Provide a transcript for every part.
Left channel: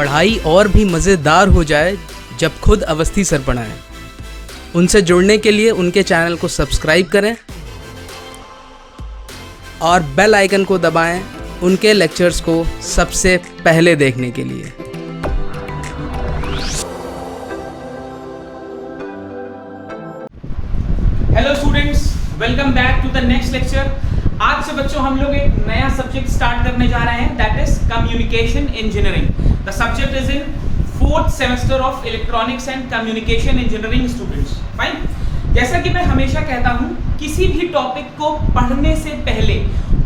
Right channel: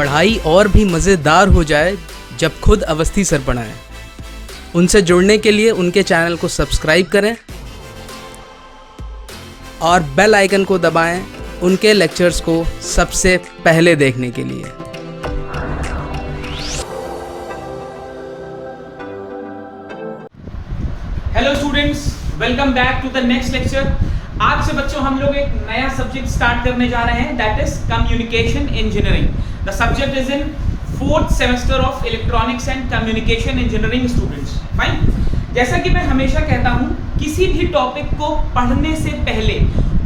पढ़ाई और भी मज़ेदार हो जाए जब खुद अवस्थी सर पढ़ाएं। उनसे जुड़ने के लिए उनके चैनल को सब्सक्राइब करें और बेल आइकन को दबाएं उनके लेक्चर्स को सबसे पहले देखने के लिए। Hello students, welcome back to the next lecture. आज से बच्चों हम लोग एक नया सब्जेक्ट स्टार्ट करने जा रहे हैं, that is communication engineering. The subject is in 4th semester of electronics and communication engineering students. Fine. जैसा कि मैं हमेशा कहता हूं, किसी भी टॉपिक को पढ़ने से पहले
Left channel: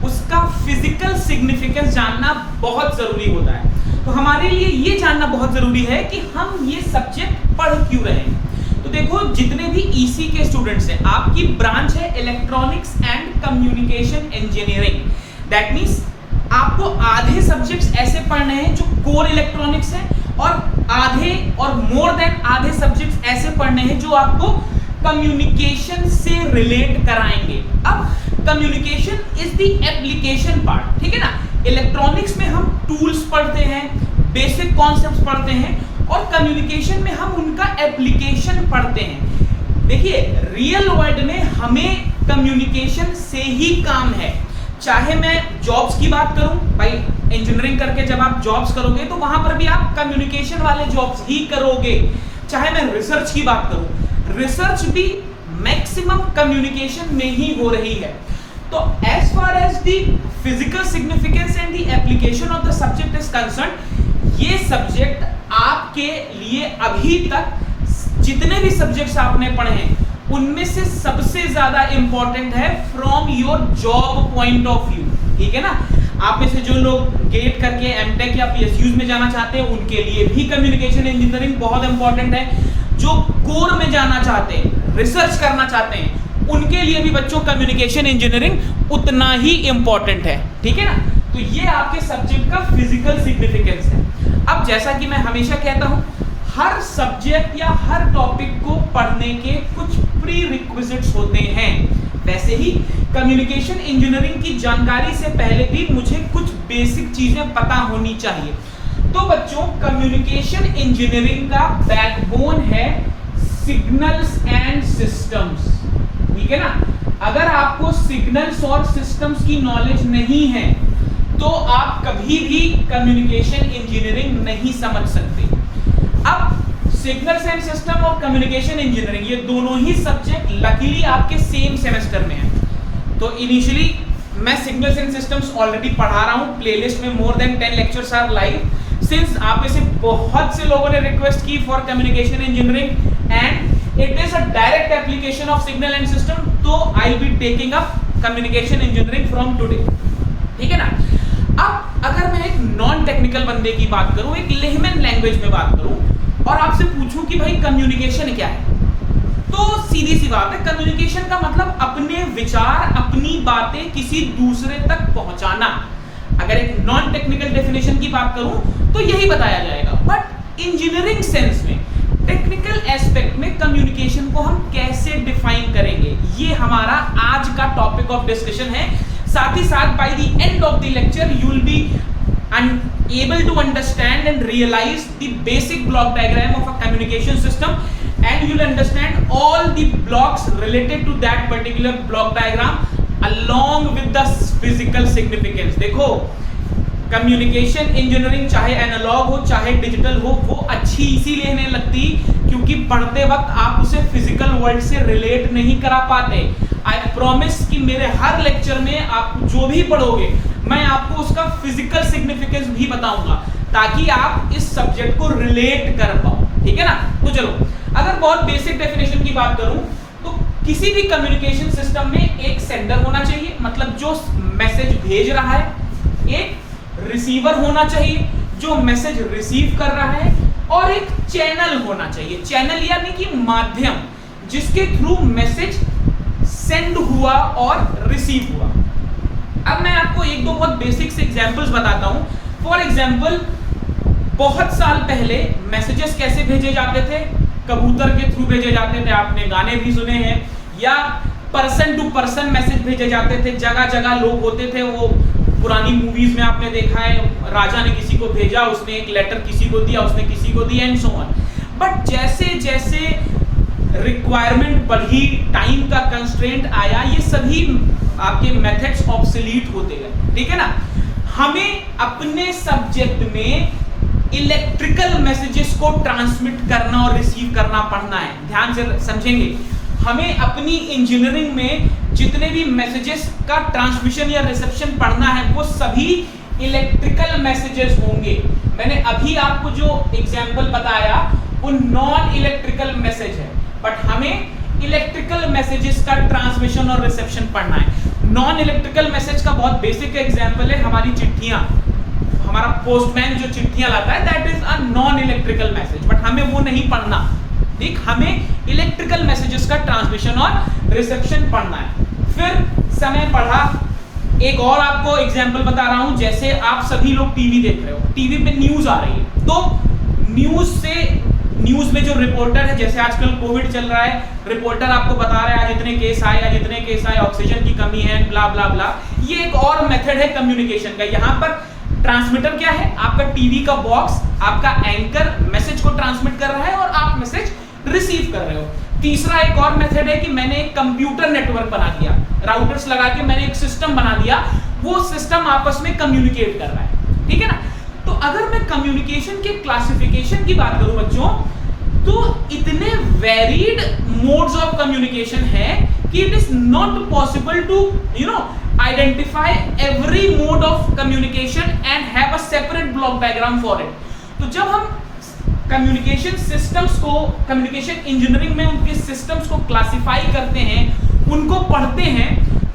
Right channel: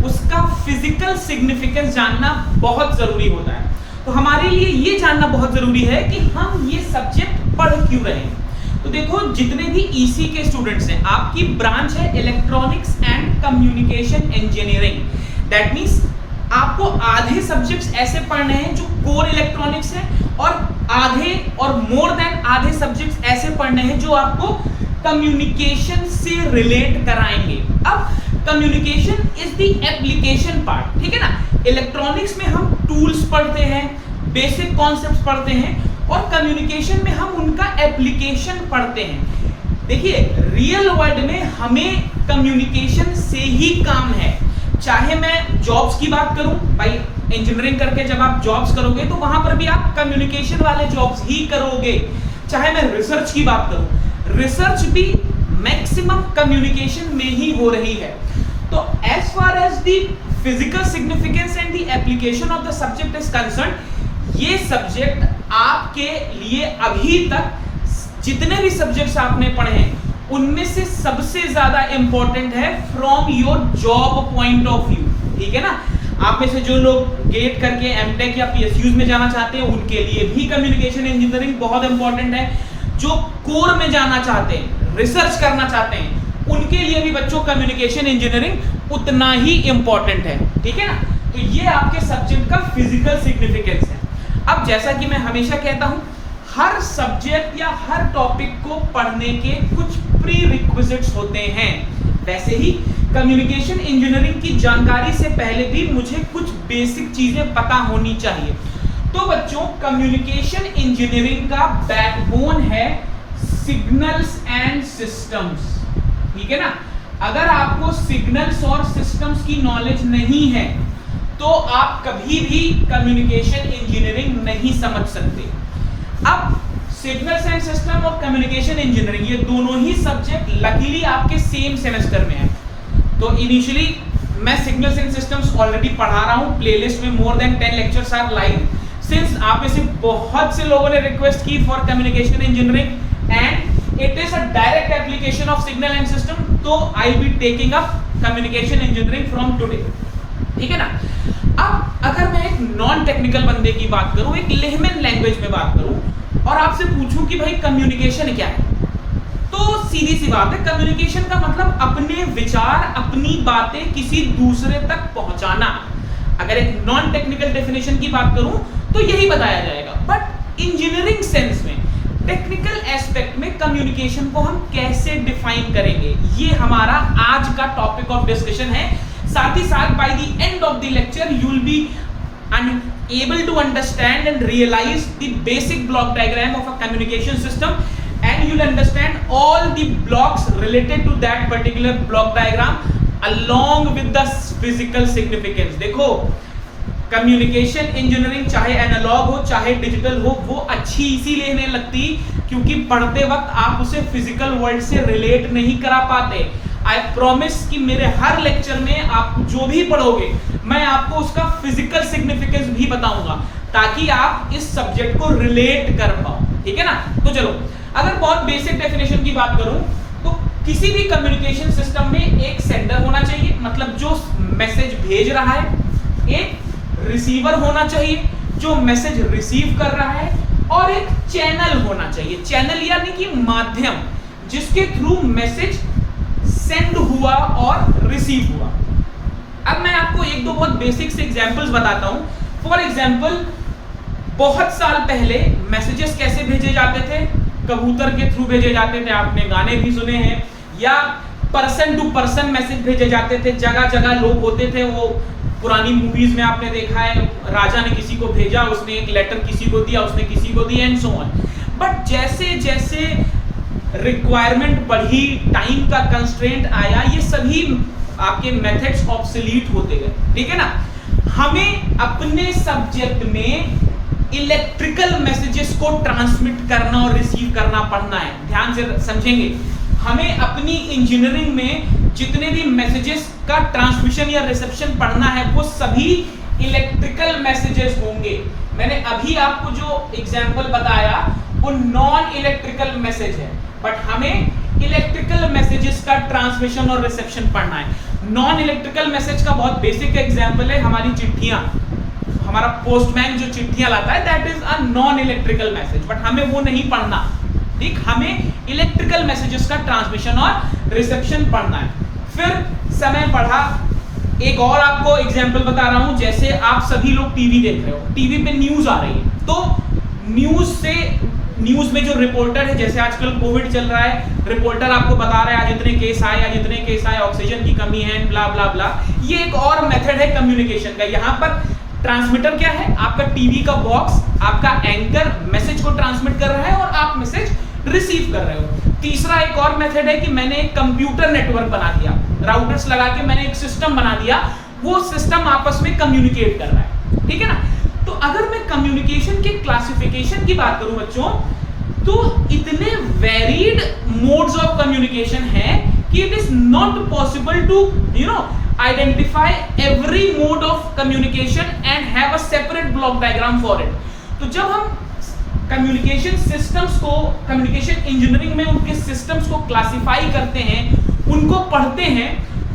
उसका फिजिकल सिग्निफिकेंस जानना बहुत जरूरी होता है। तो हमारे लिए ये जानना बहुत जरूरी है कि हम ये सब्जेक्ट पढ़ क्यों रहे हैं। तो देखो, जितने भी ईसी के स्टूडेंट्स हैं, आपकी ब्रांच है electronics and communication engineering. That means आपको आधे सब्जेक्ट्स ऐसे पढ़ने हैं जो कोर इलेक्ट्रॉनिक्स है, और आधे और मोर देन आधे सब्जेक्ट्स ऐसे पढ़ने हैं जो आपको कम्युनिकेशन से रिलेट कराएंगे। अब communication is the application part, ठीक है ना। इलेक्ट्रॉनिक्स में हम टूल्स पढ़ते हैं, बेसिक कॉन्सेप्ट्स पढ़ते हैं, और कम्युनिकेशन में हम उनका एप्लीकेशन पढ़ते हैं। देखिए, रियल वर्ल्ड में हमें कम्युनिकेशन से ही काम है। चाहे मैं जॉब्स की बात करूं, भाई इंजीनियरिंग करके जब आप जॉब्स करोगे तो वहां पर भी आप कम्युनिकेशन वाले जॉब्स ही करोगे। चाहे मैं रिसर्च की बात करूं, रिसर्च भी मैक्सिमम कम्युनिकेशन में ही हो रही है। तो as far as the physical significance and the application of the subject is concern, ये सब्जेक्ट आपके लिए अभी तक जितने भी सब्जेक्ट्स आपने पढ़े हैं उनमें से सबसे ज्यादा इंपॉर्टेंट है from your job point of view, ठीक है ना। आप में से जो लोग गेट करके एमटेक या पीएसयूज में जाना चाहते हैं उनके लिए भी कम्युनिकेशन इंजीनियरिंग बहुत इंपॉर्टेंट है। जो कोर में जाना चाहते हैं, रिसर्च करना चाहते हैं, उनके लिए भी बच्चों कम्युनिकेशन इंजीनियरिंग उतना ही इंपॉर्टेंट है, ठीक है ना। तो ये आपके सब्जेक्ट का फिजिकल सिग्निफिकेंस है। अब जैसा कि मैं हमेशा कहता हूं, हर सब्जेक्ट या हर टॉपिक को पढ़ने के कुछ प्री रिक्विजिट्स होते हैं। वैसे ही कम्युनिकेशन इंजीनियरिंग की जानकारी से पहले भी मुझे कुछ बेसिक चीजें पता होनी चाहिए। तो बच्चों, कम्युनिकेशन इंजीनियरिंग का बैकबोन है सिग्नल्स एंड सिस्टम्स, ठीक है ना। अगर आपको सिग्नल्स और सिस्टम्स की नॉलेज नहीं है तो आप कभी भी कम्युनिकेशन इंजीनियरिंग नहीं समझ सकते। अब सिग्नल्स एंड सिस्टम और कम्युनिकेशन इंजीनियरिंग ये दोनों ही सब्जेक्ट लकीली आपके सेम सेमेस्टर में है। तो इनिशियली मैं सिग्नल्स एंड सिस्टम्स ऑलरेडी पढ़ा रहा हूं, प्लेलिस्ट में more than 10 lectures are live. Since आप में से बहुत से लोगों ने रिक्वेस्ट की for communication engineering and it is a direct application of signal and system, तो I will be taking up communication engineering from today, ठीक है ना। अब अगर मैं एक नॉन टेक्निकल बंदे की बात करूं, एक लेमन लैंग्वेज में बात करूं और आपसे पूछूं कि भाई कम्युनिकेशन क्या है, तो सीधी सी बात है, कम्युनिकेशन का मतलब अपने विचार, अपनी बातें किसी दूसरे तक पहुंचाना। अगर एक नॉन टेक्निकल डेफिनेशन की बात करूं तो यही बताया जाएगा। बट इंजीनियरिंग सेंस में, टेक्निकल एस्पेक्ट में कम्युनिकेशन को हम कैसे डिफाइन करेंगे, ये हमारा आज का टॉपिक ऑफ डिस्कशन है। साथ ही साथ by the end of the lecture you will be able to understand and realize the basic block diagram of a communication system, and you will understand all the blocks related to that particular block diagram along with the physical significance। देखो, communication engineering चाहे analogue हो चाहे digital हो, वो अच्छी इसीलिए नहीं लगती क्योंकि पढ़ते वक्त आप उसे फिजिकल वर्ल्ड से रिलेट नहीं करा पाते। आई प्रॉमिस कि मेरे हर लेक्चर में आप जो भी पढ़ोगे मैं आपको उसका फिजिकल सिग्निफिकेंस भी बताऊंगा ताकि आप इस सब्जेक्ट को रिलेट कर पाओ, ठीक है ना। तो चलो, अगर बहुत बेसिक डेफिनेशन की बात करूं तो किसी भी कम्युनिकेशन सिस्टम में एक सेंडर होना चाहिए, मतलब जो मैसेज भेज रहा है, एक रिसीवर होना चाहिए जो मैसेज रिसीव कर रहा है, और एक चैनल होना चाहिए। चैनल यानी कि माध्यम जिसके थ्रू मैसेज सेंड हुआ और रिसीव हुआ। अब मैं आपको एक दो बहुत बेसिक से एग्जांपल्स बताता हूं। फॉर एग्जांपल, बहुत साल पहले मैसेजेस कैसे भेजे जाते थे? कबूतर के थ्रू भेजे जाते थे, आपने गाने भी सुने हैं, या पर्सन टू पर्सन मैसेज भेजे जाते थे। जगह जगह लोग होते थे, वो पुरानी मूवीज में आपने देखा है, राजा ने किसी को भेजा, उसने एक लेटर किसी को दिया, उसने किसी को दिया, एंड सो ऑन। बट जैसे जैसे रिक्वायरमेंट बढ़ी, टाइम का कंस्ट्रेंट आया, ये सभी आपके मेथड्स ऑब्सोलीट होते गए, ठीक है ना। हमें अपने सब्जेक्ट में इलेक्ट्रिकल मैसेजेस को ट्रांसमिट करना और रिसीव करना पढ़ना है। ध्यान से समझेंगे, हमें अपनी इंजीनियरिंग में जितने भी मैसेजेस का ट्रांसमिशन या रिसेप्शन पढ़ना है वो सभी इलेक्ट्रिकल मैसेजेस होंगे। मैंने अभी आपको जो एग्जांपल बताया वो नॉन इलेक्ट्रिकल मैसेज है, बट हमें इलेक्ट्रिकल मैसेजेस का ट्रांसमिशन और रिसेप्शन पढ़ना है। नॉन इलेक्ट्रिकल मैसेज का बहुत बेसिक एग्जांपल है हमारी चिट्ठियां। हमारा पोस्टमैन जो चिट्ठियां लाता है that is a non electrical message, but हमें वो नहीं पढ़ना, ठीक। हमें इलेक्ट्रिकल मैसेजेस का ट्रांसमिशन और रिसेप्शन पढ़ना है। फिर समय पढ़ा, एक और आपको एग्जांपल बता रहा हूं। जैसे आप सभी लोग टीवी देख रहे हो, टीवी पे न्यूज आ रही है, तो न्यूज में जो रिपोर्टर है, जैसे आजकल कोविड चल रहा है, रिपोर्टर आपको बता रहा है आज इतने केस आए, आज इतने केस आए, ऑक्सीजन की कमी है, ब्ला ब्ला ब्ला। ये एक और मेथड है कम्युनिकेशन का। यहाँ पर ट्रांसमीटर क्या है, आपका टीवी का बॉक्स, आपका एंकर मैसेज को ट्रांसमिट कर रहा है और आप मैसेज रिसीव कर रहे हो। तीसरा एक और मेथड है कि मैंने एक कंप्यूटर नेटवर्क बना दिया, राउटर्स लगा के मैंने एक सिस्टम बना दिया, वो सिस्टम आपस में कम्युनिकेट कर रहा है, ठीक है ना। तो अगर मैं कम्युनिकेशन के क्लासिफिकेशन की बात करूं बच्चों, तो इतने वेरीड मोड्स ऑफ कम्युनिकेशन है कि it is not possible to identify every mode of communication and have a separate block diagram for it। तो जब हम कम्युनिकेशन सिस्टम्स को, कम्युनिकेशन इंजीनियरिंग में उनके सिस्टम्स को क्लासिफाई करते हैं, उनको पढ़ते हैं,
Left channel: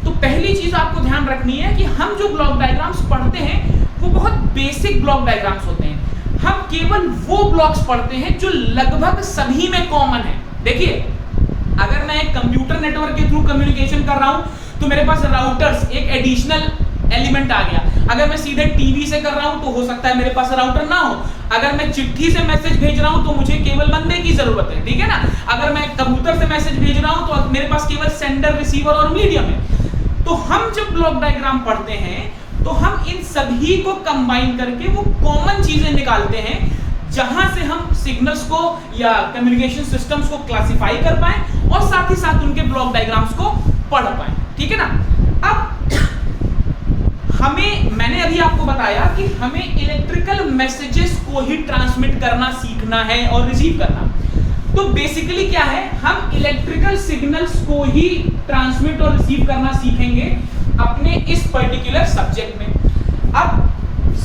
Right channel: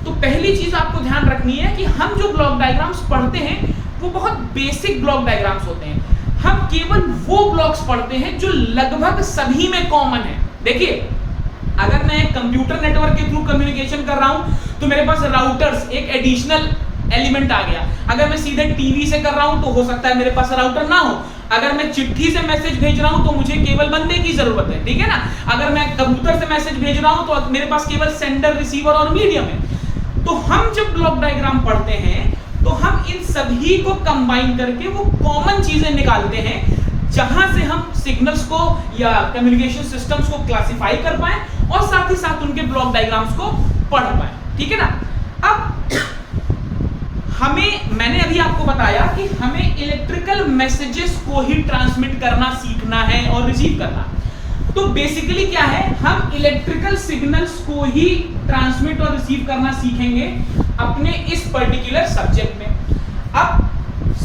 तो पहली चीज आपको ध्यान रखनी है कि हम जो ब्लॉक डायग्राम्स पढ़ते हैं वो बहुत बेसिक ब्लॉक डायग्राम्स होते हैं। हम केवल वो ब्लॉक्स पढ़ते हैं जो लगभग सभी में कॉमन है। देखिए, अगर मैं एक कंप्यूटर नेटवर्क के थ्रू कम्युनिकेशन कर रहा हूं तो मेरे पास राउटर्स एक एडिशनल एलिमेंट आ गया। अगर मैं सीधे टीवी से कर रहा हूं तो हो सकता है मेरे पास राउटर ना हो। अगर मैं चिट्ठी से मैसेज भेज रहा हूं तो मुझे केवल बंदे की जरूरत है, ठीक है ना। अगर मैं कबूतर से मैसेज भेज रहा हूं तो मेरे पास केवल सेंडर, रिसीवर और मीडियम है। तो हम जब ब्लॉक डायग्राम पढ़ते हैं तो हम इन सभी को कंबाइन करके वो कॉमन चीजें निकालते हैं जहां से हम सिग्नल्स को या कम्युनिकेशन सिस्टम्स को क्लासिफाई कर पाए और साथ ही साथ उनके ब्लॉक डायग्राम्स को पढ़ पाए, ठीक है ना। अब मैंने अभी आपको बताया कि हमें इलेक्ट्रिकल मैसेजेस को ही ट्रांसमिट करना सीखना है और रिसीव करना। तो बेसिकली क्या है, हम इलेक्ट्रिकल सिग्नल्स को ही ट्रांसमिट और रिसीव करना सीखेंगे अपने इस पर्टिकुलर सब्जेक्ट में। अब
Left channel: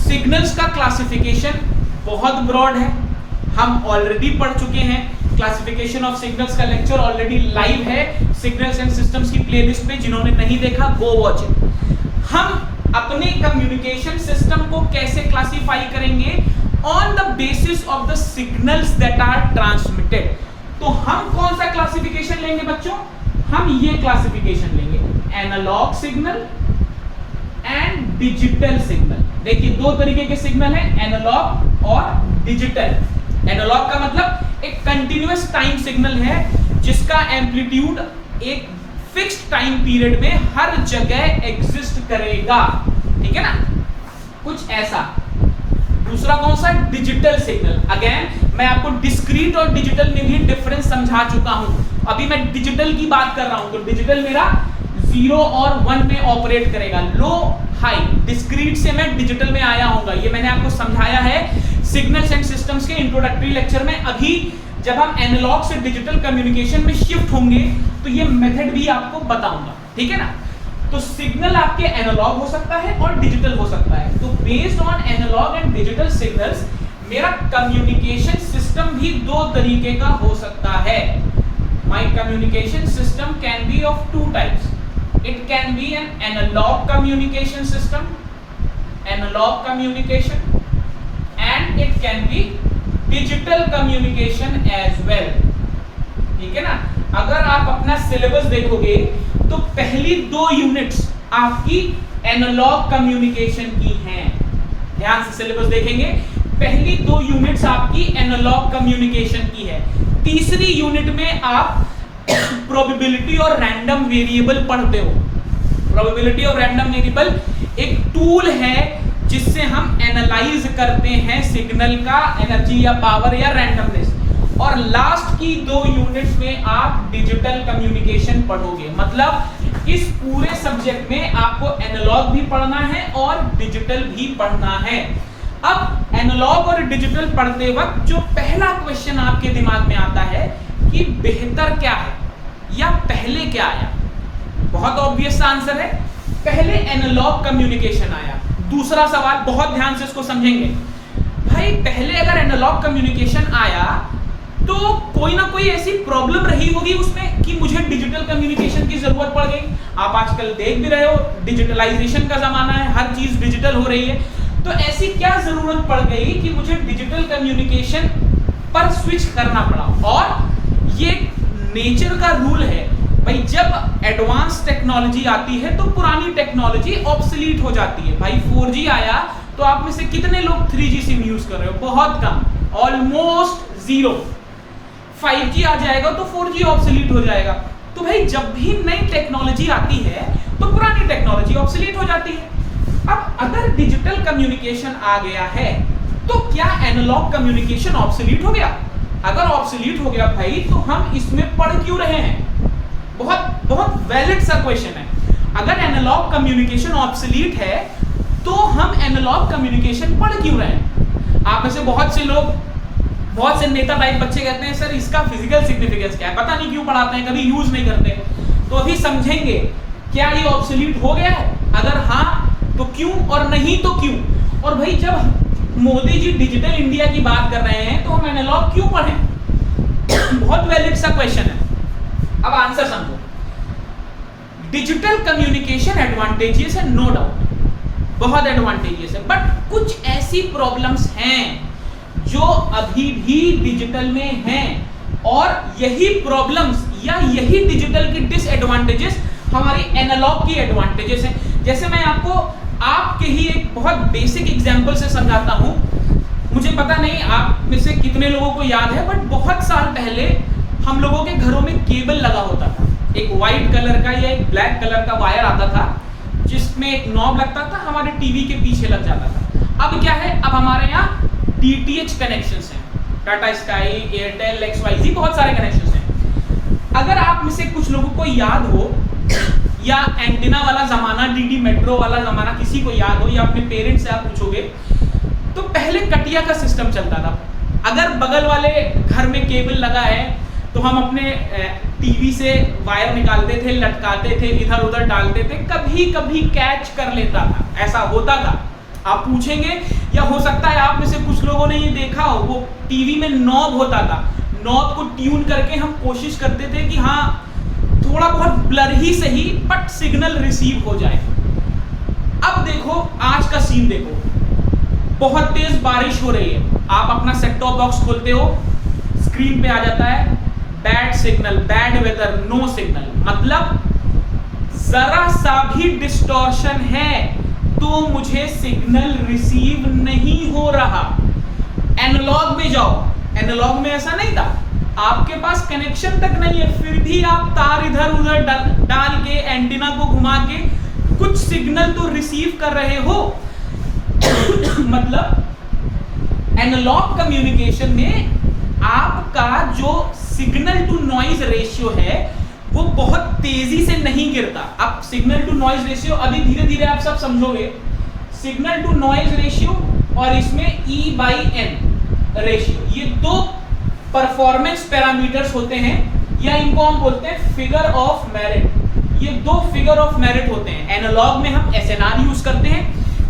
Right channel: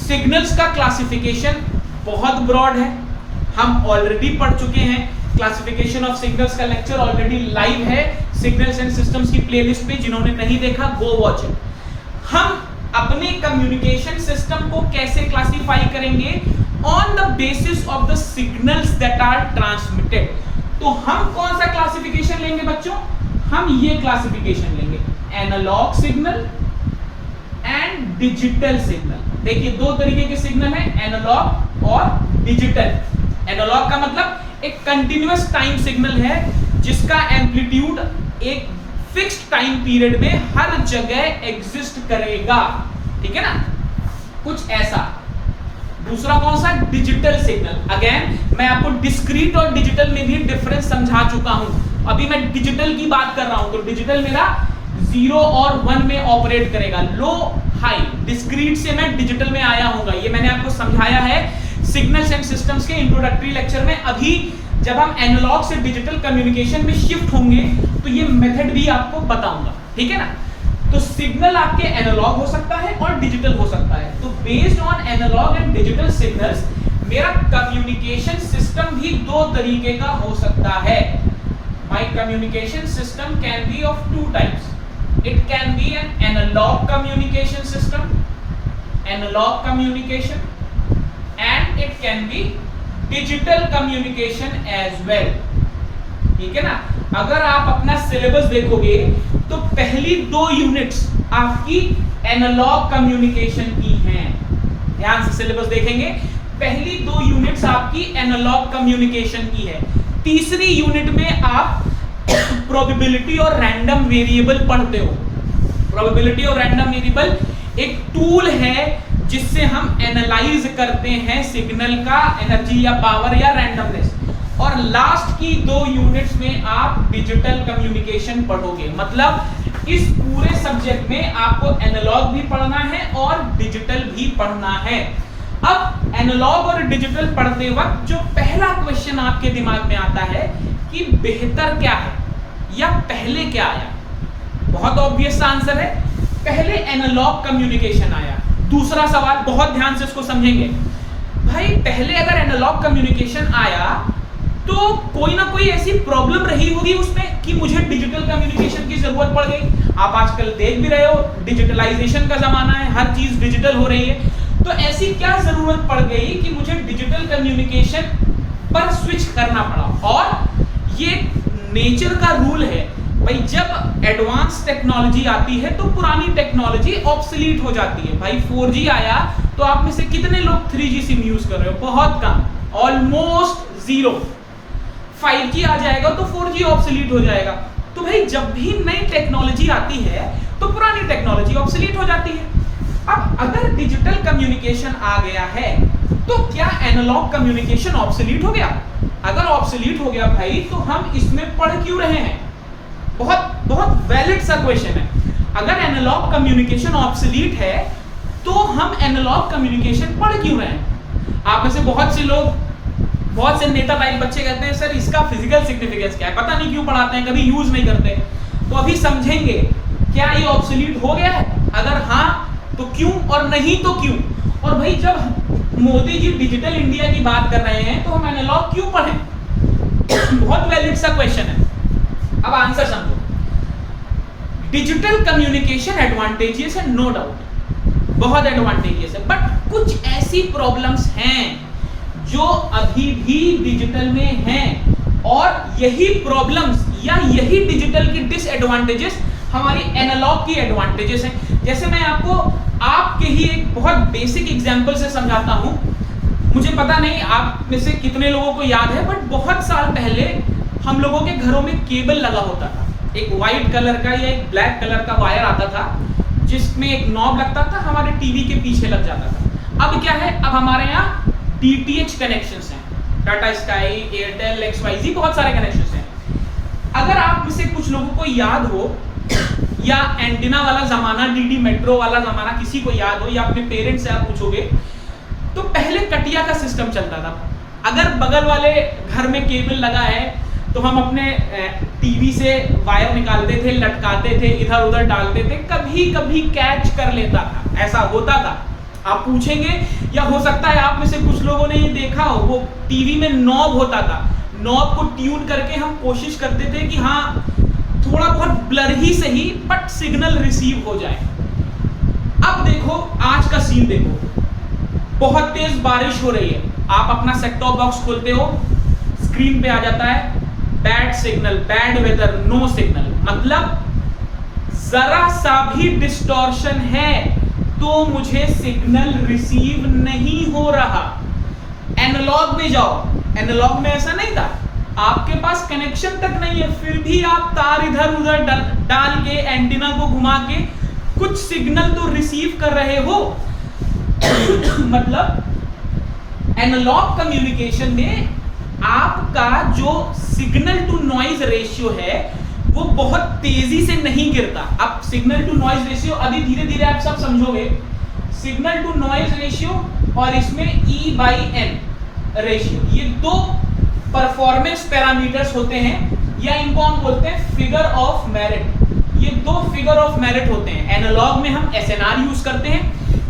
सिग्नल्स का क्लासिफिकेशन बहुत ब्रॉड है, हम ऑलरेडी पढ़ चुके हैं। क्लासिफिकेशन ऑफ सिग्नल्स का लेक्चर ऑलरेडी लाइव है सिग्नल्स एंड सिस्टम्स की प्लेलिस्ट पे, जिन्होंने नहीं देखा गो वॉच इट। हम अपने कम्युनिकेशन सिस्टम को कैसे क्लासिफाई करेंगे, on the basis of the signals that are transmitted. तो हम कौन सा क्लासिफिकेशन लेंगे बच्चों, हम ये क्लासिफिकेशन लेंगे, analogue signal and digital signal. देखिए, दो तरीके के सिग्नल है, एनालॉग और डिजिटल। एनालॉग का मतलब एक कंटिन्यूअस टाइम सिग्नल है जिसका एम्पलीट्यूड एक फिक्स्ड टाइम पीरियड में हर जगह एग्जिस्ट करेगा, ठीक है ना, कुछ ऐसा। दूसरा कौन सा, डिजिटल सिग्नल। अगेन मैं आपको डिस्क्रीट और डिजिटल में भी डिफरेंस समझा चुका हूं। अभी मैं डिजिटल की बात कर रहा हूं, तो डिजिटल मेरा 0 और 1 में ऑपरेट करेगा, लो हाई। डिस्क्रीट से मैं डिजिटल में आया हूंगा, ये मैंने आपको समझाया है सिग्नल्स एंड सिस्टम्स के इंट्रोडक्टरी लेक्चर में। अभी जब हम एनालॉग से डिजिटल कम्युनिकेशन में शिफ्ट होंगे तो ये मेथड भी आपको बताऊंगा, ठीक है ना। तो सिग्नल आपके एनालॉग हो सकता है और डिजिटल हो सकता है। तो based on analogue and digital signals मेरा कम्युनिकेशन सिस्टम भी दो तरीके का हो सकता है। My communication system can be of two types. It can be an analog communication system, analog communication, and it can be digital communication as well, ठीक है ना। अगर आप अपना सिलेबस देखोगे तो पहली 2 यूनिट्स आपकी एनालॉग कम्युनिकेशन की हैं। ध्यान से सिलेबस देखेंगे, पहली 2 यूनिट्स आपकी एनालॉग कम्युनिकेशन की है। तीसरी यूनिट में आप प्रोबेबिलिटी और रैंडम वेरिएबल पढ़ते हो। प्रोबेबिलिटी और रैंडम वेरिएबल एक टूल है जिससे हम एनालाइज करते हैं सिग्नल का एनर्जी या पावर या रैंडमनेस। और लास्ट की 2 यूनिट्स में आप डिजिटल कम्युनिकेशन पढ़ोगे। मतलब इस पूरे सब्जेक्ट में आपको एनालॉग भी पढ़ना है और डिजिटल भी पढ़ना है। अब एनालॉग और डिजिटल पढ़ते वक्त जो पहला क्वेश्चन आपके दिमाग में आता है कि बेहतर क्या है या पहले क्या आया। बहुत ऑब्वियस आंसर है, पहले एनालॉग कम्युनिकेशन आया। दूसरा सवाल बहुत ध्यान से इसको समझेंगे। भाई पहले अगर एनालॉग कम्युनिकेशन आया तो कोई ना कोई ऐसी प्रॉब्लम रही होगी उसमें कि मुझे डिजिटल कम्युनिकेशन की जरूरत पड़ गई। आप आजकल देख भी रहे हो, डिजिटलाइजेशन का जमाना है, हर चीज डिजिटल हो रही है। तो ऐसी क्या जरूरत पड़ गई कि मुझे डिजिटल कम्युनिकेशन पर स्विच करना पड़ा। और ये नेचर का रूल है भाई, जब एडवांस टेक्नोलॉजी आती है तो पुरानी टेक्नोलॉजी ऑब्सोलीट हो जाती है। भाई 4G आया तो आप में से कितने लोग 3G सिम यूज कर रहे हो? बहुत कम, ऑलमोस्ट जीरो। 5G आ जाएगा तो 4G ऑब्सोलीट हो जाएगा। तो भाई जब भी नई टेक्नोलॉजी आती है तो पुरानी टेक्नोलॉजी ऑब्सोलीट हो जाती है। अब अगर डिजिटल कम्युनिकेशन आ गया है तो क्या एनालॉग कम्युनिकेशन ऑब्सोलीट हो गया? अगर ऑब्सोलीट हो गया भाई तो हम इसमें पढ़ क्यों रहे हैं? बहुत वैलिड सा क्वेश्चन है। अगर एनालॉग कम्युनिकेशन ऑब्सोलीट है तो हम एनालॉग कम्युनिकेशन पढ़ क्यों रहे हैं? आप में से बहुत से लोग, बहुत से नेता टाइप बच्चे कहते हैं सर इसका फिजिकल सिग्निफिकेंस क्या है, पता नहीं क्यों पढ़ाते हैं, कभी यूज नहीं करते। तो अभी समझेंगे क्या ये ऑब्सोलीट हो गया है, अगर हाँ तो क्यों और नहीं तो क्यों। और भाई जब मोदी जी डिजिटल इंडिया की बात कर रहे हैं तो हम एनालॉग क्यों पढ़ें? बहुत वैलिड सा क्वेश्चन है। अब आंसर समझो। डिजिटल कम्युनिकेशन एडवांटेजियस है, नो डाउट, बहुत एडवांटेजियस है। बट कुछ ऐसी प्रॉब्लम्स हैं जो अभी भी डिजिटल में हैं, और यही प्रॉब्लम्स या यही डिजिटल की डिसएडवांटेजेस हमारी एनालॉग की एडवांटेजेस हैं। जैसे मैं आपको आपके ही एक बहुत बेसिक एग्जांपल से समझाता हूं। मुझे पता नहीं आप में से कितने लोगों को याद है, बट बहुत साल पहले हम लोगों के घरों में केबल लगा होता था। एक व्हाइट कलर का या एक ब्लैक कलर का वायर आता था जिसमें एक नॉब लगता था, हमारे टीवी के पीछे लग जाता था। अब क्या है, अब हमारे यहाँ DTH कनेक्शंस हैं, टाटा स्काई, एयरटेल, XYZ, बहुत सारे कनेक्शंस हैं। अगर आप में से कुछ लोगों को याद हो या एंटीना वाला जमाना, DD मेट्रो वाला जमाना किसी को याद हो, या अपने पेरेंट्स से आप पूछोगे तो पहले कटिया का सिस्टम चलता था। अगर बगल वाले घर में केबल लगा है तो हम अपने टीवी से वायर निकालते थे, लटकाते थे, इधर उधर डालते थे, कभी कभी कैच कर लेता था, ऐसा होता था। आप पूछेंगे, या हो सकता है आप में से कुछ लोगों ने ये देखा हो, वो टीवी में नॉब होता था, नॉब को ट्यून करके हम कोशिश करते थे कि हाँ थोड़ा बहुत ब्लर ही सही बट सिग्नल रिसीव हो जाए। अब देखो आज का सीन देखो, बहुत तेज बारिश हो रही है, आप अपना सेट टॉप बॉक्स खोलते हो, स्क्रीन पे आ जाता है bad signal, bad weather, no signal. मतलब जरा सा भी डिस्टॉर्शन है तो मुझे सिग्नल रिसीव नहीं हो रहा। एनालॉग में जाओ, एनालॉग में ऐसा नहीं था, आपके पास कनेक्शन तक नहीं है, फिर भी आप तार इधर उधर डाल के, एंटीना को घुमा के कुछ सिग्नल तो रिसीव कर रहे हो। मतलब एनालॉग कम्युनिकेशन में आपका जो सिग्नल टू नॉइज रेशियो है वो बहुत तेजी से नहीं गिरता। अब सिग्नल टू नॉइज रेशियो अभी धीरे धीरे आप सब समझोगे। सिग्नल टू नॉइज रेशियो और इसमें E/N रेशियो, ये दो परफॉर्मेंस पैरामीटर्स होते हैं, या इनको हम बोलते हैं फिगर ऑफ मेरिट। ये दो फिगर ऑफ मेरिट होते हैं। एनालॉग में हम SNR यूज करते हैं,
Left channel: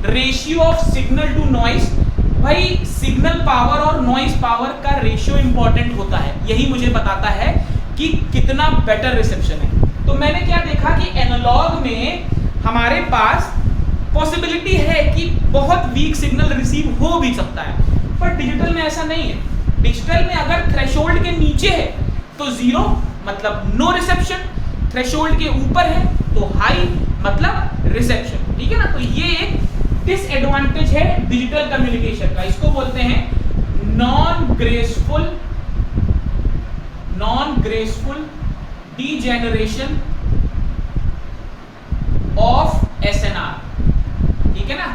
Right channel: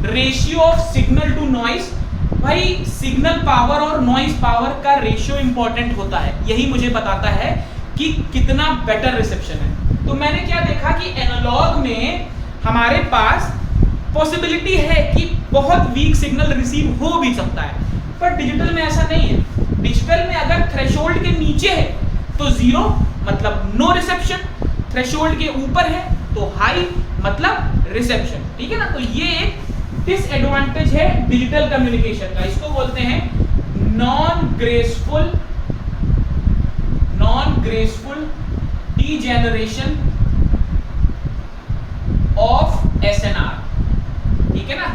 ratio of signal to noise. भाई सिग्नल पावर और नॉइज पावर का रेशियो इंपॉर्टेंट होता है, यही मुझे बताता है कि कितना बेटर रिसेप्शन है। तो मैंने क्या देखा कि एनालॉग में हमारे पास पॉसिबिलिटी है कि बहुत वीक सिग्नल रिसीव हो भी सकता है, पर डिजिटल में ऐसा नहीं है। डिजिटल में अगर थ्रेशोल्ड के नीचे है तो जीरो, मतलब नो रिसेप्शन, थ्रेशोल्ड के ऊपर है तो हाई, मतलब रिसेप्शन। ठीक है ना। तो ये एक डिसएडवांटेज है डिजिटल कम्युनिकेशन का, इसको बोलते हैं non graceful degeneration of SNR। ठीक है ना।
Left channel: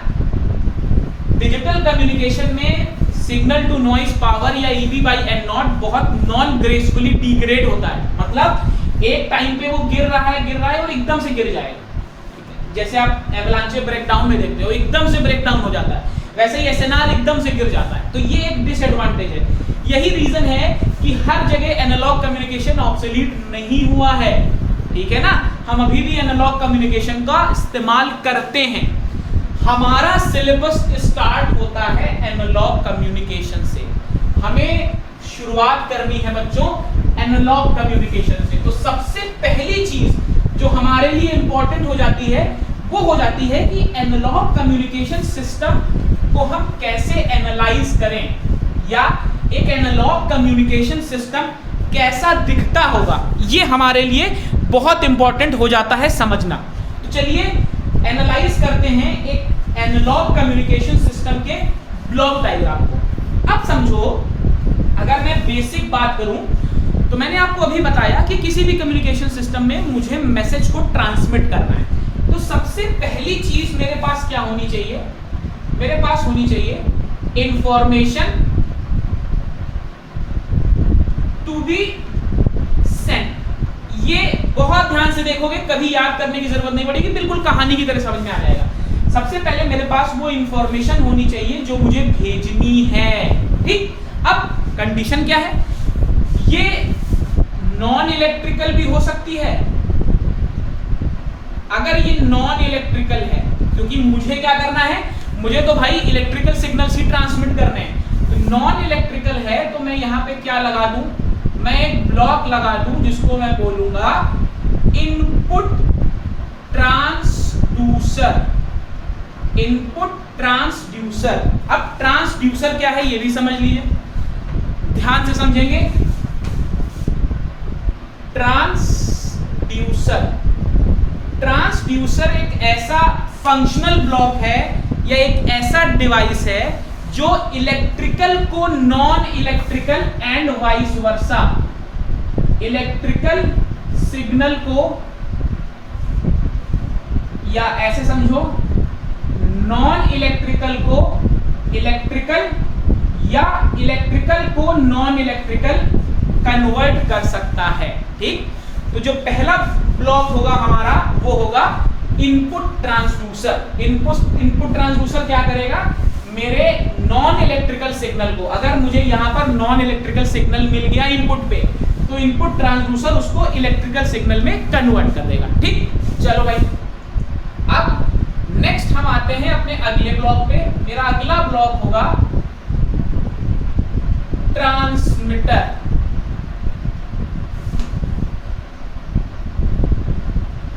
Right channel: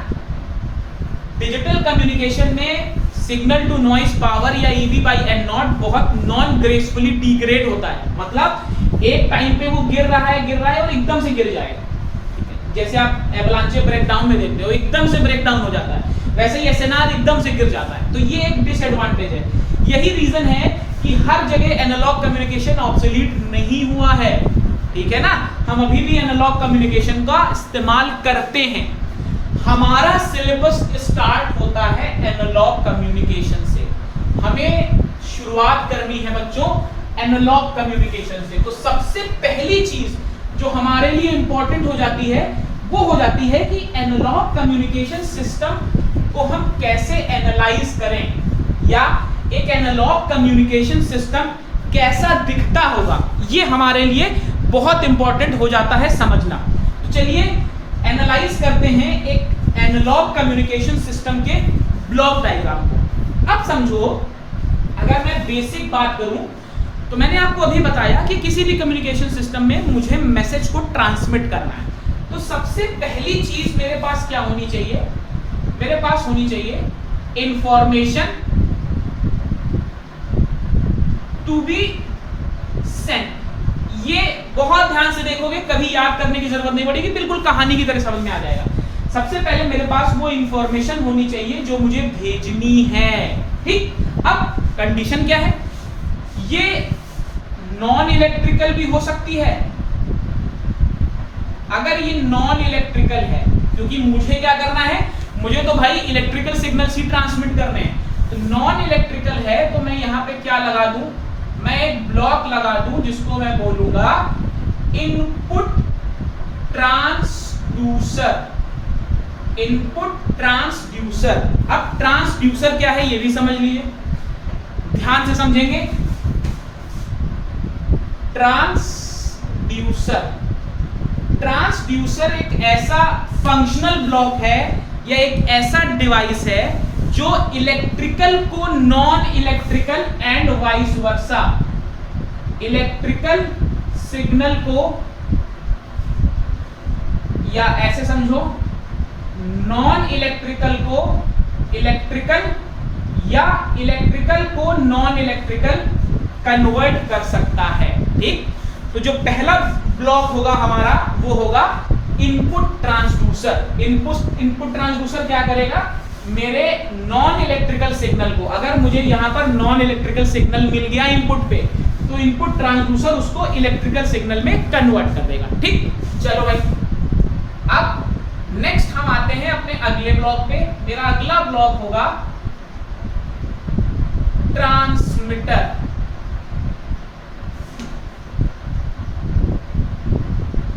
डिजिटल कम्युनिकेशन में सिग्नल टू नॉइज पावर या ईवी बाई एन नॉट बहुत नॉन ग्रेसफुली डिग्रेड होता है, मतलब एक टाइम पे वो गिर रहा है और एकदम से गिर जाएगा, ठीक है? जैसे आप एवलांचे ब्रेकडाउन में देखते हो, एकदम से ब्रेकडाउन हो जाता है, वैसे ही एसएनआर एकदम से गिर जाता है। तो ये एक डिसएडवांटेज है। यही रीजन है कि हर जगह एनालॉग कम्युनिकेशन ऑब्सोलीट नहीं हुआ है, ठीक है ना। हम अभी भी एनालॉग कम्युनिकेशन का इस्तेमाल करते हैं। हमारा सिलेबस स्टार्ट होता है एनालॉग कम्युनिकेशन से। हमें शुरुआत करनी है बच्चों एनालॉग कम्युनिकेशन से। तो सबसे पहली चीज जो हमारे लिए इंपॉर्टेंट हो जाती है वो हो जाती है कि एनालॉग कम्युनिकेशन सिस्टम को हम कैसे एनालाइज करें, या एक एनालॉग कम्युनिकेशन सिस्टम कैसा दिखता होगा, ये हमारे लिए बहुत इंपॉर्टेंट हो जाता है समझना। तो चलिए एनालाइज करते हैं एक एनालॉग कम्युनिकेशन सिस्टम के ब्लॉक डायग्राम को। अब समझो, अगर मैं बेसिक बात करूं तो मैंने आपको अभी बताया कि किसी भी कम्युनिकेशन सिस्टम में मुझे मैसेज को ट्रांसमिट करना है। तो सबसे पहली चीज मेरे पास क्या होनी चाहिए? मेरे पास होनी चाहिए इंफॉर्मेशन टू बी सेंट। ये बहुत ध्यान से देखोगे, कभी याद करने की जरूरत नहीं पड़ेगी, बिल्कुल कहानी की तरह समझ में आ जाएगा। सबसे पहले मेरे पास वो इंफॉर्मेशन होनी चाहिए जो मुझे भेजनी है, ठीक। अब कंडीशन क्या है? ये नॉन इलेक्ट्रिकल भी हो सकती है। अगर ये नॉन इलेक्ट्रिकल है, क्योंकि मुझे क्या करना है, मुझे तो भाई इलेक्ट्रिकल सिग्नल्स ही ट्रांसमिट करने हैं। तो नॉन इलेक्ट्रिकल है तो मैं यहाँ पे क्या लगा दूं? मैं एक ब्लॉक लगा दूं जिसको मैं बोलूंगा इनपुट ट्रांसड्यूसर। Input transducer. अब ट्रांसड्यूसर क्या है ये भी समझ लीजिए, ध्यान से समझेंगे। ट्रांसड्यूसर, ट्रांसड्यूसर एक ऐसा फंक्शनल ब्लॉक है या एक ऐसा डिवाइस है जो इलेक्ट्रिकल को non electrical and vice versa, electrical signal को, या ऐसे समझो नॉन इलेक्ट्रिकल को इलेक्ट्रिकल या इलेक्ट्रिकल को नॉन इलेक्ट्रिकल कन्वर्ट कर सकता है, ठीक। तो जो पहला ब्लॉक होगा हमारा वो होगा इनपुट ट्रांसड्यूसर। इनपुट ट्रांसड्यूसर क्या करेगा? मेरे नॉन इलेक्ट्रिकल सिग्नल को, अगर मुझे यहां पर नॉन इलेक्ट्रिकल सिग्नल मिल गया इनपुट पे, तो इनपुट ट्रांसड्यूसर उसको इलेक्ट्रिकल सिग्नल में कन्वर्ट कर देगा, ठीक। चलो भाई, अब नेक्स्ट हम आते हैं अपने अगले ब्लॉक पे। मेरा अगला ब्लॉक होगा ट्रांसमीटर।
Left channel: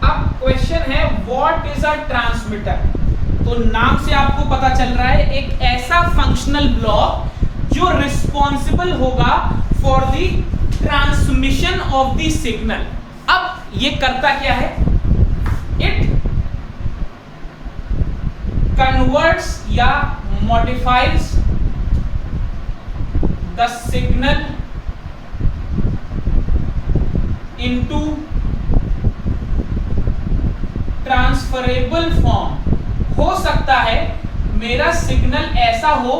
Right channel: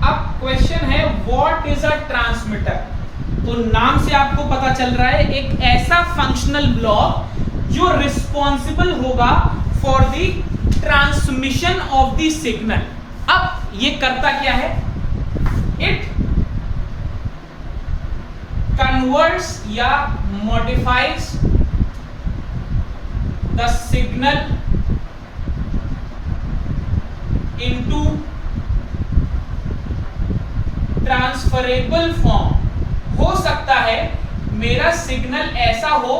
अब क्वेश्चन है व्हाट इज अ ट्रांसमीटर? तो नाम से आपको पता चल रहा है एक ऐसा फंक्शनल ब्लॉक जो रिस्पॉन्सिबल होगा for the transmission of the signal. अब ये करता क्या है? इट कन्वर्ट्स या modifies the signal into transferable form. हो सकता है मेरा सिग्नल ऐसा हो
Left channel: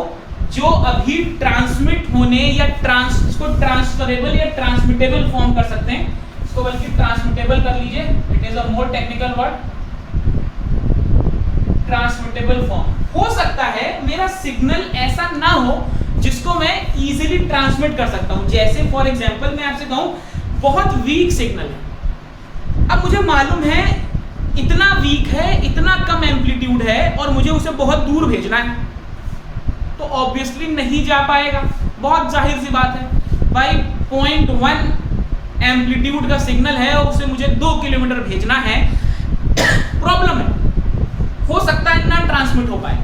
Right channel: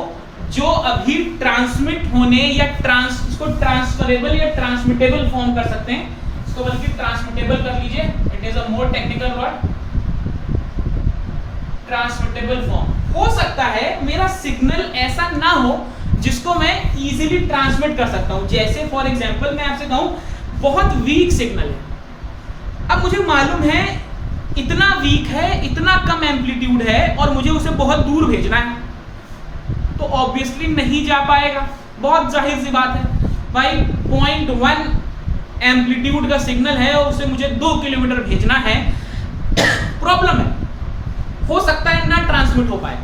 जो अभी ट्रांसमिट होने या इसको ट्रांसफरेबल या ट्रांसमिटेबल फॉर्म कर सकते हैं, इसको बल्कि ट्रांसमिटेबल कर लीजिए, it is a more technical word, transmittable form. हो सकता है मेरा सिग्नल ऐसा ना हो जिसको मैं इजीली ट्रांसमिट कर सकता हूं। जैसे फॉर एग्जांपल मैं आपसे कहूं बहुत वीक सिग्नल है, अब मुझे मालूम है इतना वीक है, इतना कम एम्पलीट्यूड है और मुझे उसे बहुत दूर भेजना है, तो ऑब्वियसली नहीं जा पाएगा। बहुत जाहिर सी बात है भाई, 0.1 एम्पलीट्यूड का सिग्नल है और उसे मुझे 2 किलोमीटर भेजना है, प्रॉब्लम है। हो सकता है ना ट्रांसमिट हो पाए,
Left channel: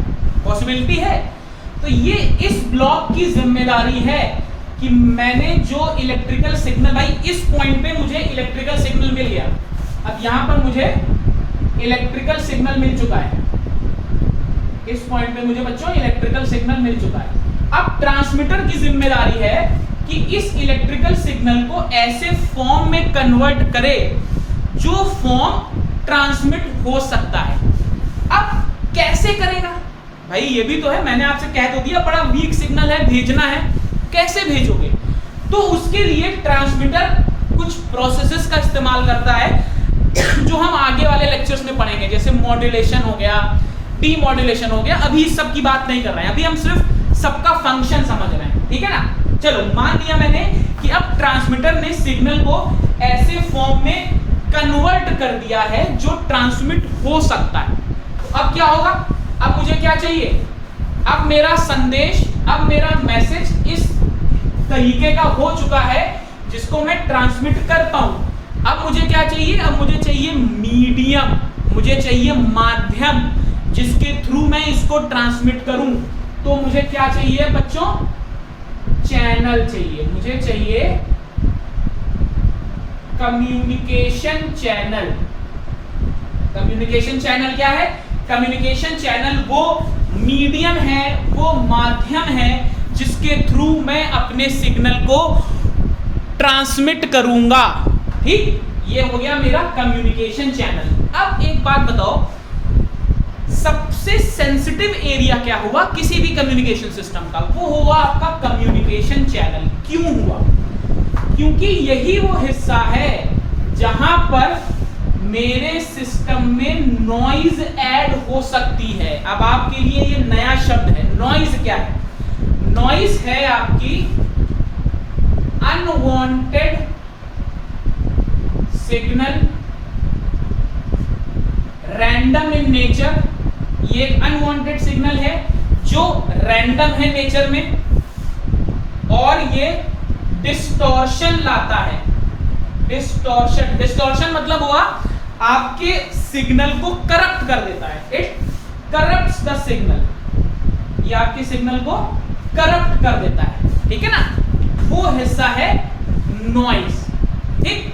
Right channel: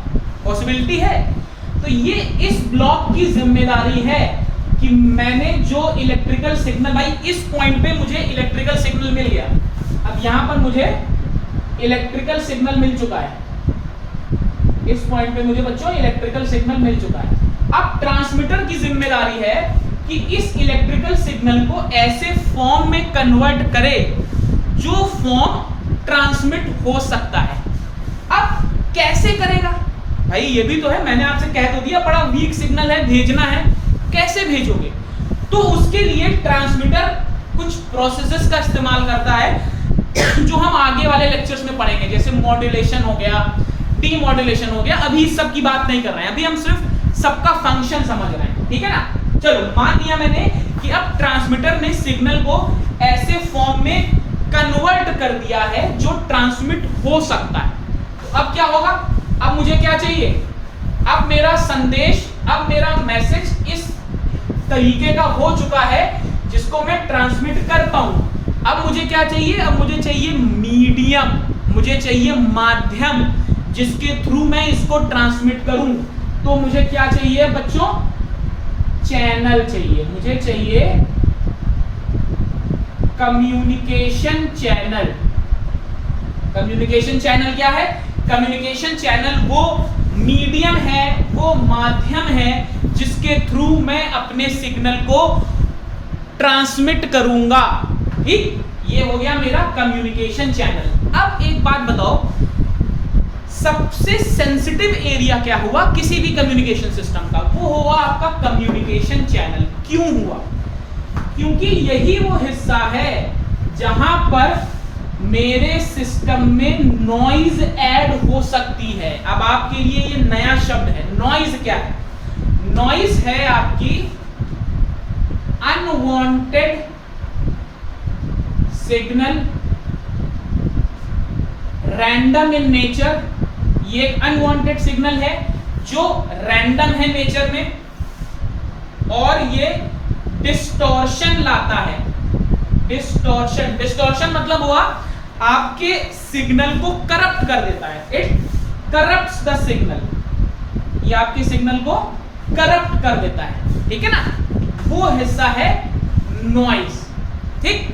पॉसिबिलिटी है। तो ये इस ब्लॉक की जिम्मेदारी है कि मैंने जो इलेक्ट्रिकल सिग्नल, भाई इस पॉइंट पे मुझे इलेक्ट्रिकल सिग्नल मिल गया, अब यहां पर मुझे इलेक्ट्रिकल सिग्नल मिल चुका है, इस पॉइंट पे मुझे बच्चों इलेक्ट्रिकल सिग्नल मिल चुका है। अब ट्रांसमीटर की जिम्मेदारी है कि इस इलेक्ट्रिकल सिग्नल को ऐसे फॉर्म में कन्वर्ट करे जो फॉर्म ट्रांसमिट हो सकता है। अब कैसे करेगा भाई? ये भी तो है, मैंने आपसे कह तो दिया बड़ा वीक सिग्नल है, भेजना है, कैसे भेजोगे? तो उसके लिए ट्रांसमीटर कुछ प्रोसेसेस का इस्तेमाल करता है जो हम आगे वाले लेक्चर्स में पढ़ेंगे, जैसे मॉड्यूलेशन हो गया, डीमॉड्यूलेशन हो गया। अभी इस सब की बात नहीं कर रहे हैं, अभी हम सिर्फ सबका फंक्शन समझ रहे हैं, ठीक है ना? चलो मान लिया मैंने कि अब ट्रांसमीटर ने सिग्नल को ऐसे फॉर्म में कन्वर्ट कर दिया है जो ट्रांसमिट हो सकता है। तो अब क्या होगा? अब मुझे क्या चाहिए? अब मेरा संदेश, अब मेरा मैसेज इस तरीके का हो चुका है जिसको मैं ट्रांसमिट कर पाऊं। अब मुझे क्या चाहिए? अब मुझे चाहिए मीडियम, मुझे चाहिए माध्यम जिसके थ्रू मैं इसको ट्रांसमिट करूं। तो मुझे क्या चाहिए बच्चों? चैनल चाहिए, मुझे चाहिए कम्युनिकेशन चैनल। कम्युनिकेशन चैनल क्या है? कम्युनिकेशन चैनल वो मीडियम है, वो माध्यम है जिसके थ्रू मैं अपने सिग्नल को ट्रांसमिट करूंगा। ठीक, ये हो गया मेरा कम्युनिकेशन चैनल। अब एक बात बताओ, सबसे सेंसिटिव एरिया क्या हुआ किसी भी कम्युनिकेशन सिस्टम का? वो हुआ आपका कम्युनिकेशन चैनल। क्यों हुआ? क्योंकि यही वो हिस्सा है जहां पर मेरे सिस्टम में नॉइज ऐड हो सकती है। अब आपके लिए ये नया शब्द है। नॉइज क्या है? नॉइज है आपकी unwanted signal, random in nature. ये एक अनवांटेड सिग्नल है जो रैंडम है नेचर में और ये डिस्टॉर्शन लाता है। डिस्टॉर्शन, डिस्टॉर्शन मतलब हुआ आपके सिग्नल को करप्ट कर देता है। इट करप्ट्स द सिग्नल, ये आपके सिग्नल को करप्ट कर देता है, ठीक है ना? वो हिस्सा है नॉइस। ठीक,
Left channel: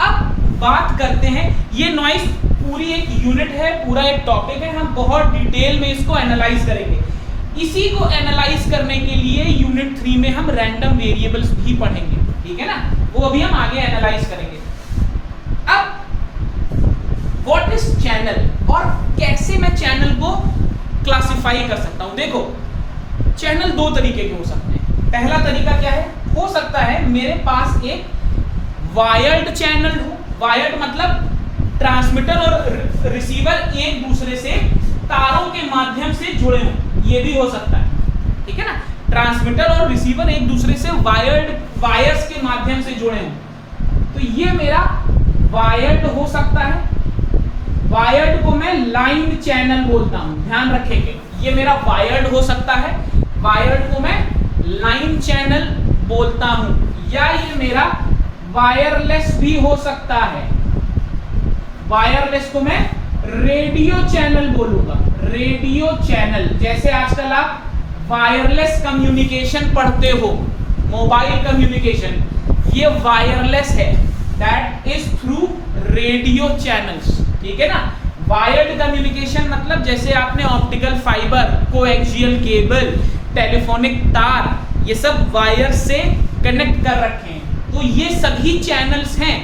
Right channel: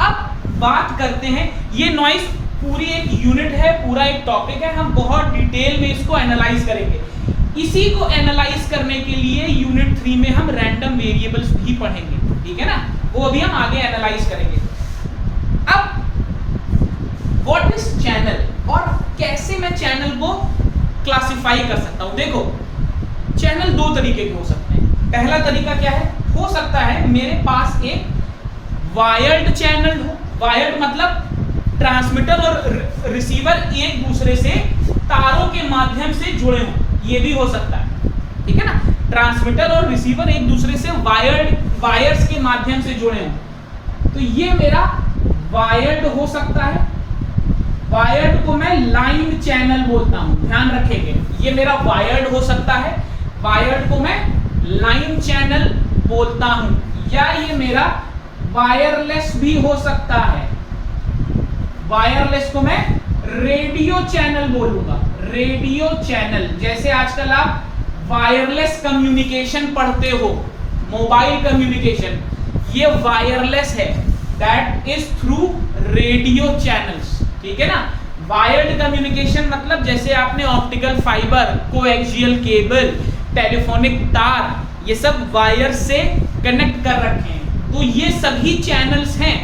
अब बात करते हैं, ये नॉइस पूरी एक यूनिट है, पूरा एक टॉपिक है, हम बहुत डिटेल में इसको एनालाइज करेंगे। इसी को एनालाइज करने के लिए यूनिट 3 में हम रैंडम वेरिएबल्स भी पढ़ेंगे, ठीक है ना? वो अभी हम आगे एनालाइज करेंगे। अब व्हाट इज चैनल और कैसे मैं चैनल को क्लासिफाई कर सकता हूं? देखो, चैनल दो तरीके के हो सकते हैं। पहला तरीका क्या है? हो सकता है मेरे पास एक वायर्ड चैनल हो। वायर्ड मतलब ट्रांसमीटर और रिसीवर एक दूसरे से तारों के माध्यम से जुड़े हों, ये भी हो सकता है, ठीक है ना? ट्रांसमीटर और रिसीवर एक दूसरे से वायर्स के माध्यम से जुड़े हों, तो ये मेरा वायर्ड हो सकता है। वायर्ड को मैं लाइन चैनल बोलता हूं, ध्यान रखेंगे, ये मेरा वायर्ड हो सकता है। वायर्ड को मैं लाइन चैनल बोलता हूं, या ये मेरा वायरलेस भी हो सकता है। वायरलेस को मैं रेडियो चैनल बोलूंगा। रेडियो चैनल, जैसे आजकल आप वायरलेस कम्युनिकेशन पढ़ते हो, मोबाइल कम्युनिकेशन, ये वायरलेस है, that is through radio channels, ठीक है ना? वायर्ड कम्युनिकेशन मतलब जैसे आपने optical fibre, coaxial cable, telephonic तार, ये सब वायर से कनेक्ट कर रखे हैं, तो ये सभी चैनल्स हैं,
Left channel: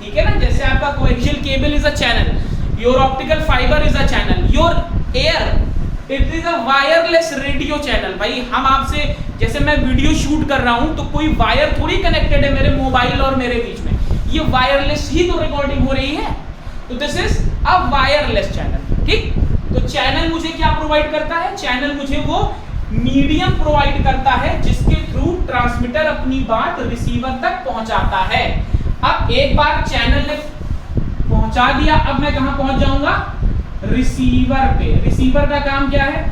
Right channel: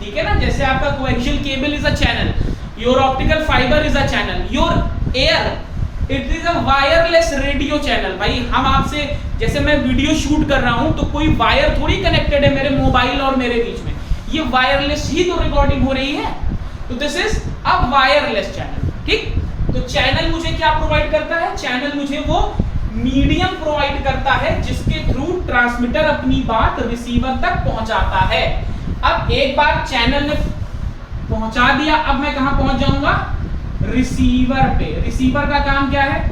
ठीक है ना? जैसे आपका coaxial cable is a channel, your optical fibre is a channel, your air it is a wireless radio channel. भाई हम आपसे, जैसे मैं वीडियो शूट कर रहा हूं तो कोई वायर थोड़ी कनेक्टेड है मेरे मोबाइल और मेरे बीच में, ये वायरलेस ही तो रिकॉर्डिंग हो रही है, तो this is a wireless channel. ठीक, तो चैनल मुझे क्या प्रोवाइड करता है? चैनल मुझे वो मीडियम प्रोवाइड करता है जिसके थ्रू ट्रांसमीटर अपनी बात रिसीवर तक पहुंचाता है। अब एक बार चैनल ने पहुंचा दिया, अब मैं कहां पहुंच जाऊंगा? रिसीवर पे। रिसीवर का काम क्या है?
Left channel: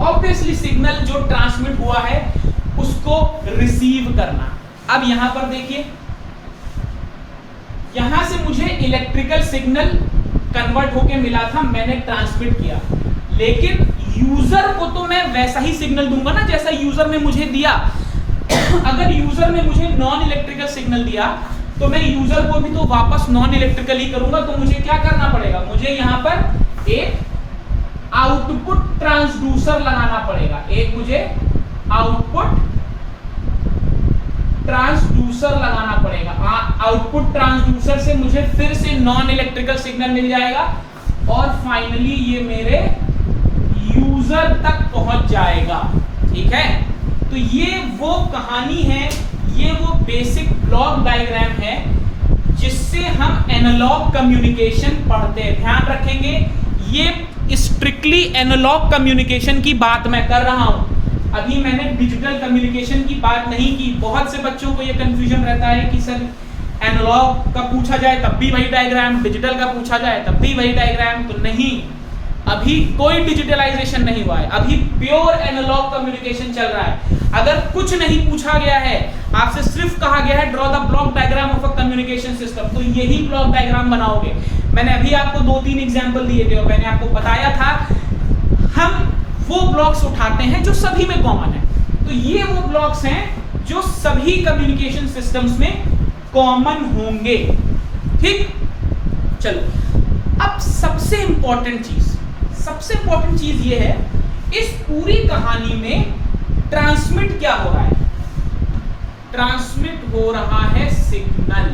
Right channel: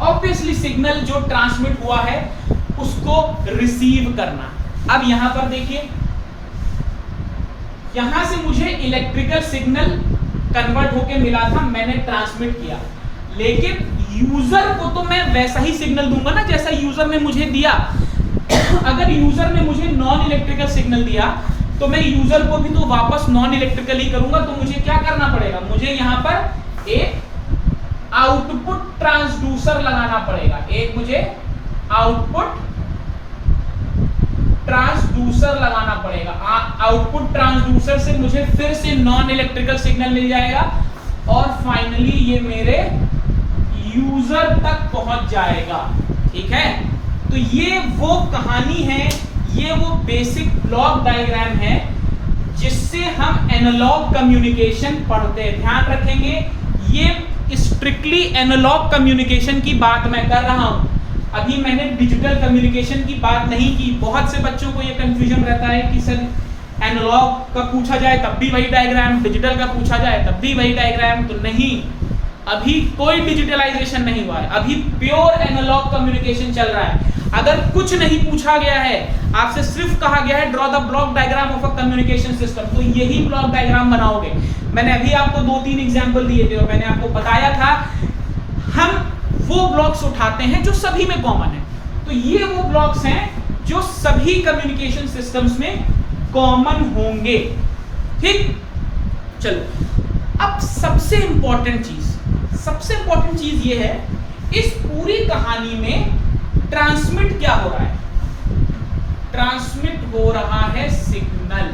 ऑब्वियसली सिग्नल जो ट्रांसमिट हुआ है उसको रिसीव करना। अब यहां पर देखिए, यहां से मुझे इलेक्ट्रिकल सिग्नल कन्वर्ट होके मिला था, मैंने ट्रांसमिट किया, लेकिन यूजर को तो मैं वैसा ही सिग्नल दूंगा ना जैसा यूजर ने मुझे दिया। अगर यूजर ने मुझे नॉन इलेक्ट्रिकल सिग्नल दिया तो मैं यूजर को भी तो वापस नॉन इलेक्ट्रिकल ही करूंगा, तो मुझे क्या करना पड़ेगा? मुझे यहां पर एक आउटपुट ट्रांसड्यूसर लगाना पड़ेगा। एक मुझे आउटपुट ट्रांसड्यूसर लगाना पड़ेगा। आउटपुट ट्रांसड्यूसर से मुझे फिर से नॉन इलेक्ट्रिकल सिग्नल मिल जाएगा और फाइनली ये मेरे यूजर तक पहुंच जाएगा। ठीक है, तो ये वो कहानी है, ये वो बेसिक ब्लॉक डायग्राम है जिससे हम एनालॉग कम्युनिकेशन पढ़ते हैं। ध्यान रखेंगे, ये स्ट्रिक्टली एनालॉग कम्युनिकेशन की बात मैं कर रहा हूं, अभी मैंने डिजिटल कम्युनिकेशन की बात नहीं की। बहुत से बच्चों को ये कंफ्यूजन रहता है कि सर एनालॉग का पूछा जाए तब भी वही डायग्राम, डिजिटल का पूछा जाए तब भी वही डायग्राम। तो नहीं, अभी कोई डिजिटलाइजेशन नहीं हुआ है, अभी प्योर एनालॉग कम्युनिकेशन चल रहा है। अगर कुछ नहीं पूछा गया है, आपसे सिर्फ कहा गया है draw the block diagram of a communication system, तो यही ब्लॉक डायग्राम बनाओगे। मैंने अभी आपको 2-3 एग्जांपल दिए थे और मैंने आपको बताया था हम वो ब्लॉक्स उठाते हैं जो सभी में कॉमन है। तो ये वो ब्लॉक्स हैं जो सभी कम्युनिकेशन सिस्टम्स में कॉमन होंगे। ठीक, चलो अब सबसे इंपॉर्टेंट चीज ये है, इस पूरी कहानी में ट्रांसमिट क्या हो रहा है? ट्रांसमिट हो रहा है सिग्नल।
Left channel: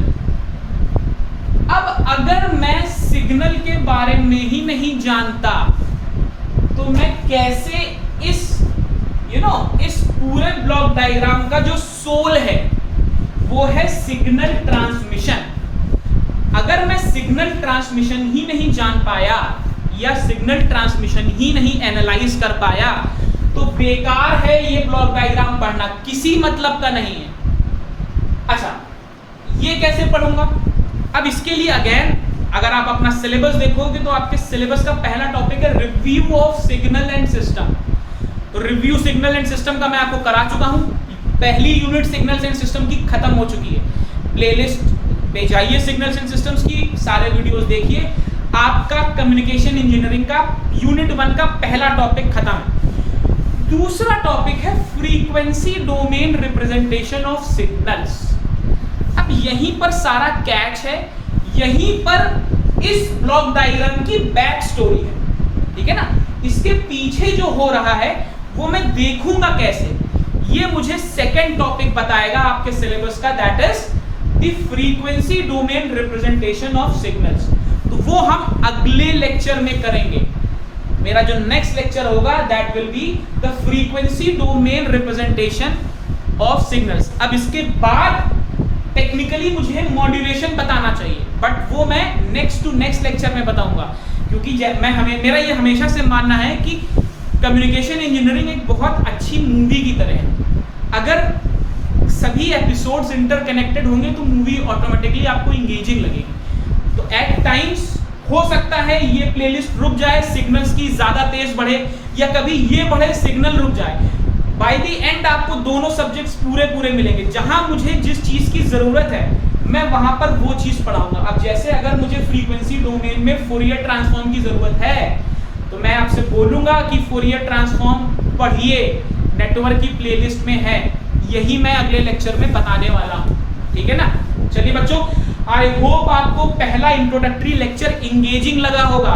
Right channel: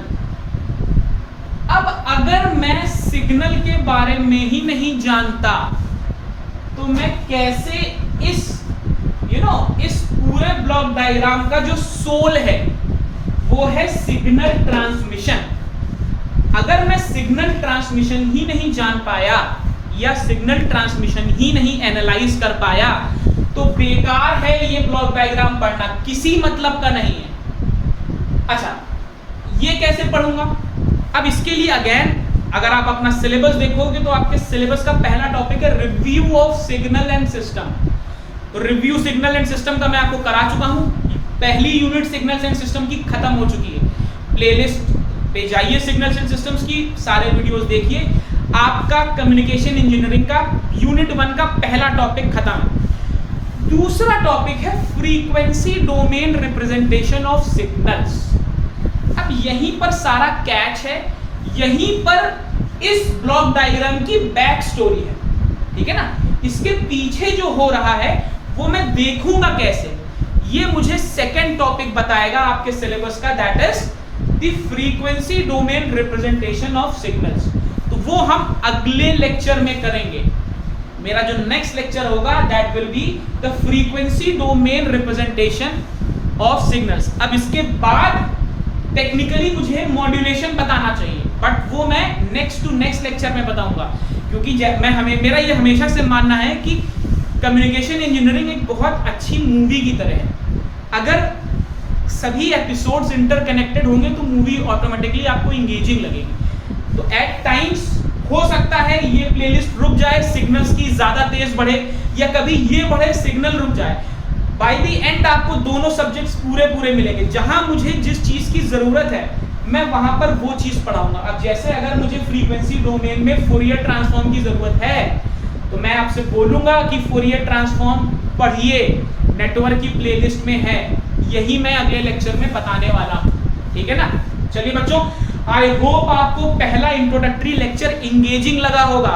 अब अगर मैं सिग्नल के बारे में ही नहीं जानता तो मैं कैसे इस इस पूरे ब्लॉक डायग्राम का जो सोल है वो है सिग्नल ट्रांसमिशन। अगर मैं सिग्नल ट्रांसमिशन ही नहीं जान पाया या सिग्नल ट्रांसमिशन ही नहीं एनालाइज कर पाया तो बेकार है ये ब्लॉक डायग्राम पढ़ना, किसी मतलब का नहीं है। अच्छा, ये कैसे पढ़ूंगा? अब इसके लिए अगेन अगर आप अपना सिलेबस देखोगे तो आपके सिलेबस का पहला टॉपिक है review of signal and system. तो रिव्यू सिग्नल एंड सिस्टम का मैं आपको करा चुका हूं, पहली यूनिट सिग्नल्स एंड सिस्टम की खत्म हो चुकी है। प्लेलिस्ट पे जाइए सिग्नल्स एंड सिस्टम्स की, सारे वीडियोस देखिए, आपका कम्युनिकेशन इंजीनियरिंग का यूनिट 1 का पहला टॉपिक खत्म है। दूसरा टॉपिक है frequency domain representation of signals. अब यहीं पर सारा कैच है, यहीं पर इस ब्लॉक डायग्राम की बैक स्टोरी है। ठीक है ना, इसके पीछे जो हो रहा है वो मैं देखूंगा कैसे, ये मुझे सेकंड टॉपिक बताएगा आपके सिलेबस का, that is the frequency domain representation of signals. तो वो हम अगले लेक्चर में करेंगे। मेरा जो नेक्स्ट लेक्चर होगा that will be the frequency domain representation of signals. अब इसके बाद टेक्निकली मुझे मॉड्यूलेशन बताना चाहिए, बट वो मैं नेक्स्ट टू नेक्स्ट लेक्चर में बताऊंगा, क्योंकि मेरा ये हमेशा से मानना है कि कम्युनिकेशन इंजीनियरिंग एक बहुत अच्छी मूवी की तरह है। अगर सभी एपिसोड्स इंटरकनेक्टेड होंगे तो मूवी ऑटोमेटिकली आपको इंगेजिंग लगेगी। तो एट टाइम्स हो सकता है ये प्लेलिस्ट रुक जाए, सिग्नल्स की ज्यादा तेज बढ़े, या कभी ये बढ़े सिग्नल रुक जाए। बाय द एंड आपको दोनों सब्जेक्ट्स पूरे मिलेंगे। जहां मुझे जिस चीज की जरूरत है मैं वहां पर वो चीज पढ़ाऊंगा। अब जैसे अगर मुझे फ्रीक्वेंसी डोमेन में फोरियर ट्रांसफॉर्म की जरूरत है तो मैं आपसे बोलूंगा कि फोरियर ट्रांसफॉर्म पढ़िए, नेटवर्क की प्लेलिस्ट में है, यही मैं अगले लेक्चर में बताने वाला हूं। ठीक है ना, चलिए बच्चों, आई होप आपको पहला इंट्रोडक्टरी लेक्चर इंगेजिंग लगा होगा।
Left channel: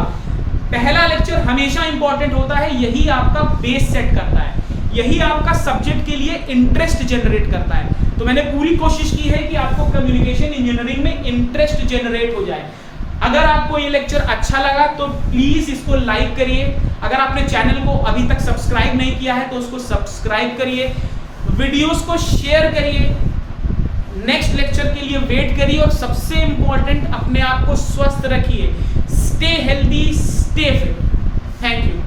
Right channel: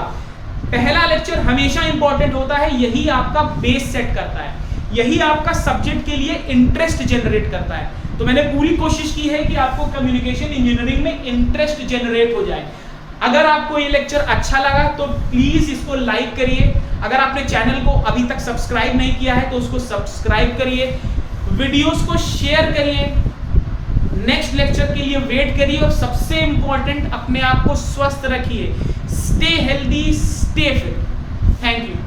पहला लेक्चर हमेशा इंपॉर्टेंट होता है, यही आपका बेस सेट करता है, यही आपका सब्जेक्ट के लिए इंटरेस्ट जनरेट करता है। तो मैंने पूरी कोशिश की है कि आपको कम्युनिकेशन इंजीनियरिंग में इंटरेस्ट जनरेट हो जाए। अगर आपको ये लेक्चर अच्छा लगा तो प्लीज इसको लाइक करिए। अगर आपने चैनल को अभी तक सब्सक्राइब नहीं किया है तो उसको सब्सक्राइब करिए, वीडियोस को शेयर करिए, नेक्स्ट लेक्चर के लिए वेट करिए, और सबसे इंपॉर्टेंट अपने आप को स्वस्थ रखिए। Stay healthy, stay fit. Thank you.